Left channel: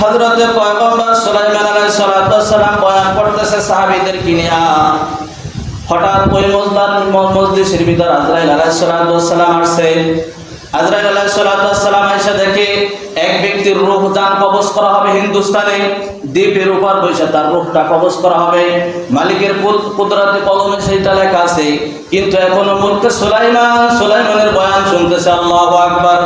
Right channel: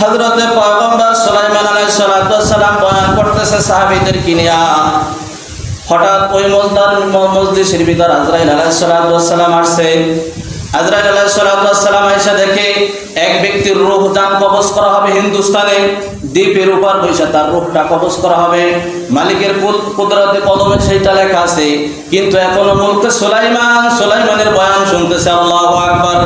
হযরতে পয়গম্বর সুলাইমান আলাইহিস সালাম বয়ান করতেছে সাহাবীদের কিনিয়া। হঠাৎ ওই মজদার মজলিসের ভিতর আজরাইল আলাইহিস সালাম আসছে। আজরাইল আলাইহিস সালাম এসে দেখে এক ব্যক্তির রূহ দান কবজ করা হবে হিন্দুস্তানে। দ্বীপের উপর বসে তার রূহটা কবজ করা হবে। মালিকের কুদ- কুদরতে কলমে সেইটা লেখা আছে, কিন্তু এখনও মুলকে সুলাইমান, সুলাইমানের বয়ান শুনতেছে আল্লাহু আকবার।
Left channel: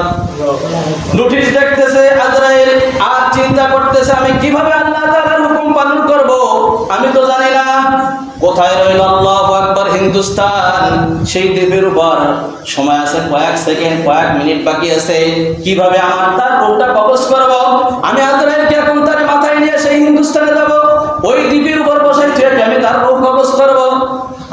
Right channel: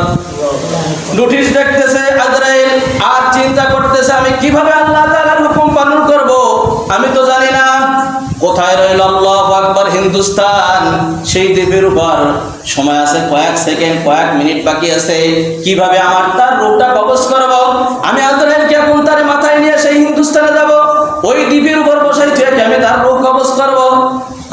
নোটিশ দেখতেছে, আজরাইল, আর চিন্তা করতেছে আমি কীভাবে আল্লাহ তাআলার হুকুম পালন করব? আমি তো জানি না। কোথায় রইল আল্লাহু আকবার হিন্দুস্তান? সেই দ্বীপের উপর। সময় আছে কয়েক সেকেন্ড, কয়েক মিনিট বাকি আছে। কীভাবে আমার তার রূপটা কবজ করব তার রূপ কবজ করব।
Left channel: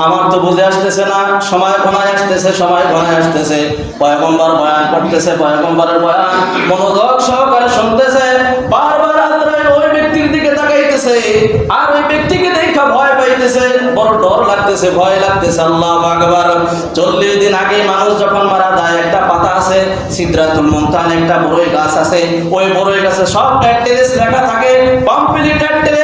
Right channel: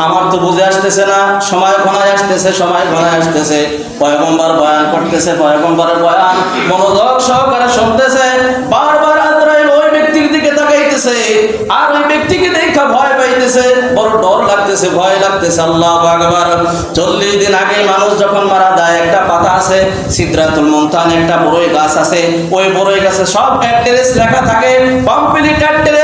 আমার তো বুঝে আসতেছে না, সময় ঘনায় আসতেছে, সময় ঘনায় আসতেছে। পয়গম্বর বয়ান করতেছে, পয়গম্বরের বয়ান মনোযোগ সহকারে শুনতেছে। বারবার আজরাইল ওই ব্যক্তির দিকে তাকাইতেছে। আর ওই ব্যক্তিকে দেখা ভয় পাইতেছে। বড় ডর লাগতেছে, ভয় লাগতেছে। আল্লাহ আকবার। চল্লিশ দিন আগে মানুষ যখন মারা যায়, একটা পাতা আছে সিদ্ধাতুল মন্তান, একটা বড়ই গাছ আছে। ওই বড়ই গাছে সব অ্যাড্রেস লেখা থাকে। কমপ্লিট অ্যাড্রেস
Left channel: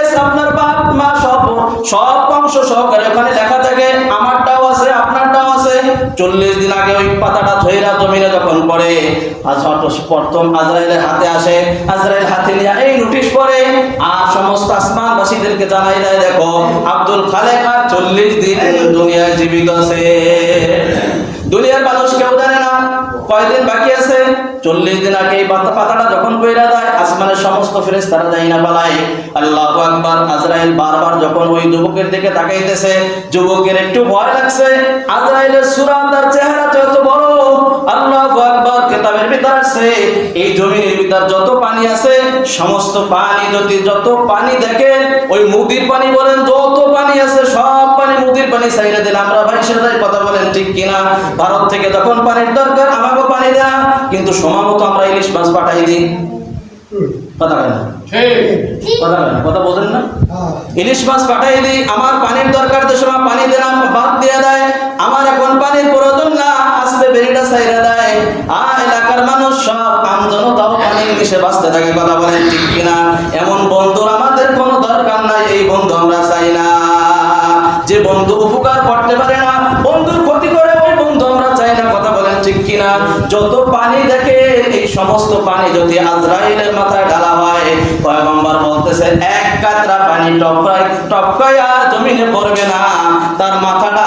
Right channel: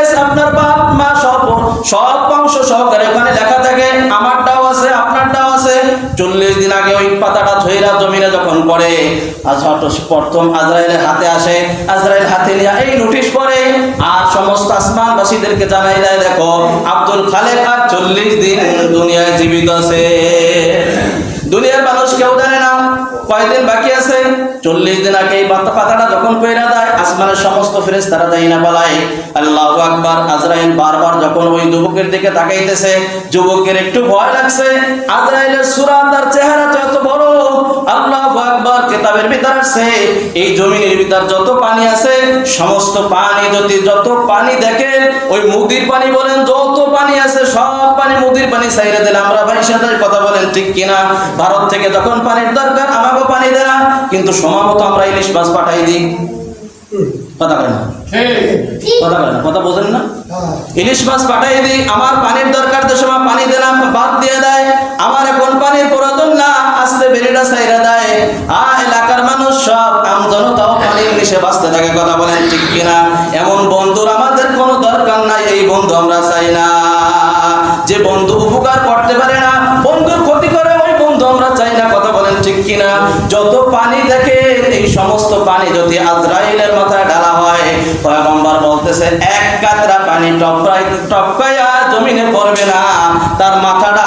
থাকে, আমারটাও আছে, আপনারটাও আছে। চল্লিশ দিন আগে ওই পাতাটা ধৈরা জমিনে যখন পড়ে প্রথম আজরাইলের হাতে আসে, আজরাইল হাতে নিয়ে এই নোটিশ পড়ে, আর সমস্ত আসমানবাসীদেরকে জানাই দেয়, দেখো, আব্দুল খালেক আর চল্লিশ দিন দুনিয়ায় জীবিত আছে। দুনিয়ার মানুষ কেউ জানে না। কয়দিন বাকি আছে? চল্লিশ দিন আগে এই পাতাটা যখন কইরা দেয়, আসমানের সমস্ত ফেরেস তারা যাই না বলায়। আল্লাহ আকবার, আজরাইল বারবার যখন ওই যুবকের দিকে তাকাইতেছে, যুবকের একটু ভয় লাগছে। আজরাইলের সুরান তার চেহারা তো এত বড়। আল্লাহ কেতাবের ভিতর আছে। এই জমিনের ভিতর যত পানি আছে সমস্ত পানি যদি যত পানি দেখেন ওই মুদির পানি বলেন যত পানি আছে সব পানি মুদির পানি চাইরে দিলে আমরা ভাই সাথে কথা বলেন ঠিক কিনা? ভারত থেকে যখন পানির দরকার আমাকেও পানি দেয় কিন্তু সময় মতো আমরা ইলিশ মাছ পাঠাই দিই। কথা কয় না? কথা কয় না? কথা বোঝেন না? ইলিশ মাছ পাঠাই দিই আমার পানির দরকার তো সময় পানি দিলাম বাদ দিয়ে দেয়। আমার এখন পানি বাঁচতে থাকে কথা বলেন ঠিক কিনা? এমন বন্ধুর আমাদের কোনো দরকার নাই, এই বন্ধু আমরা চাই না। যে বন্ধু উপকার করতে পারে না, বন্ধুর ক্ষতি করে ওই বন্ধু আমরা চাই না, কথা বলেন ঠিক কিনা? যত পানি দেখে এই সমস্ত পানি যদি আজরাইলের মাথায় ঢালা হয়, পয়গম্বর বলতেছে এক কাতরা পানি টপকাই টপকাইয়া জমিনে পড়বে না, তার মাথাটা